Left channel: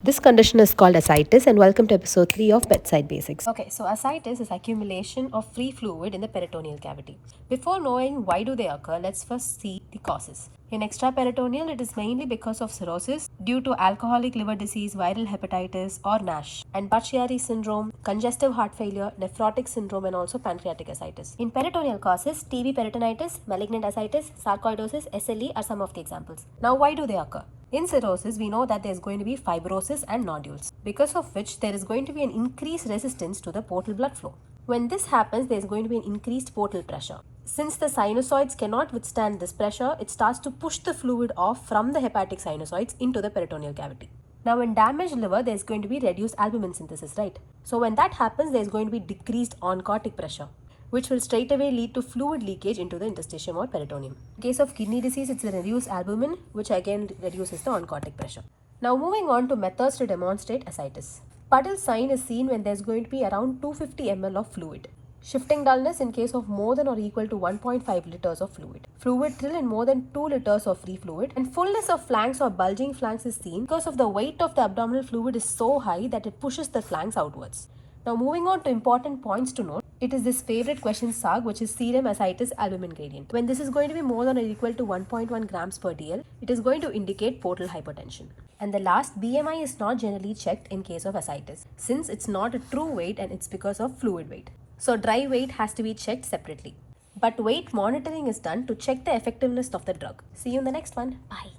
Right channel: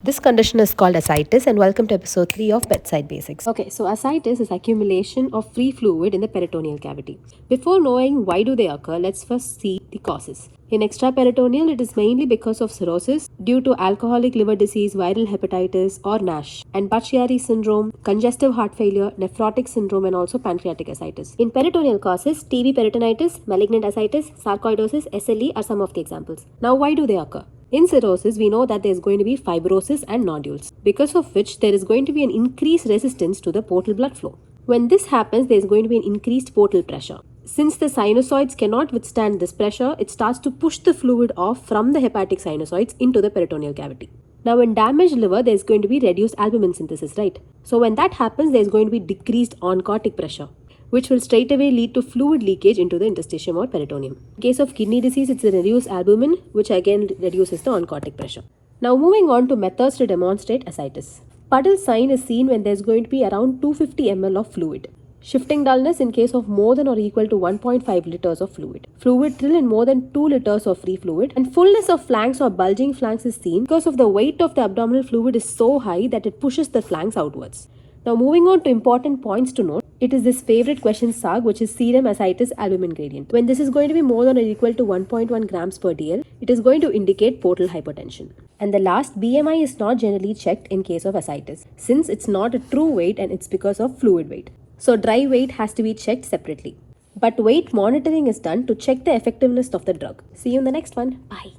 This condition is called ascites, and welcome to episode 3 of Bedside Basics. Okay, so ascites is accumulation of free fluid in the peritoneal cavity. Before knowing why do they occur, let's first see the causes. In extraperitoneal, it is mainly because of cirrhosis due to alcoholic liver disease, viral hepatitis, or NASH, and Budd-Chiari syndrome, congestive heart failure, nephrotic syndrome, and also pancreatic ascites. In peritoneal causes, TB peritonitis, malignant ascites, sarcoidosis, SLE are some of the examples. Now, why do they occur? In cirrhosis, we know that there is going to be fibrosis and nodules, because of which there is going to be an increased resistance to the portal blood flow. When this happens, there is going to be an increased portal pressure. Since the sinusoids cannot withstand this pressure, it starts to push the fluid off from the hepatic sinusoids into the peritoneal cavity. Now, in damaged liver, there is going to be reduced albumin synthesis, right? So when that happens, there is going to be decreased oncotic pressure, which will straight away lead to fluid leakage into the interstitium or peritoneum. In case of kidney disease, it's a reduced albumin, which again reduces the oncotic pressure. Now moving on to methods to demonstrate ascites. Puddle sign is seen when there's going to be around 250 ml of fluid. Shifting dullness in case of more than or equal to 1.5 liters of fluid. Fluid trill in more than 2 liters of free fluid. And fullness of flanks or bulging flanks is seen because of the weight of the abdominal fluid is so high that it pushes the flanks outwards. Now moving on to important points to note. It is this favorite question SAG, which is serum ascites albumin gradient. When this is going to be more than or equal to 1.1 grams per dl, it is going to indicate portal hypertension. And the last, BMI is not generally checked in case of ascites, since it's not a true weight and it's because of fluid weight. So dry weight has to be checked separately. But weight monitoring is done to check the effectiveness of the drug. See you in the next one. Bye.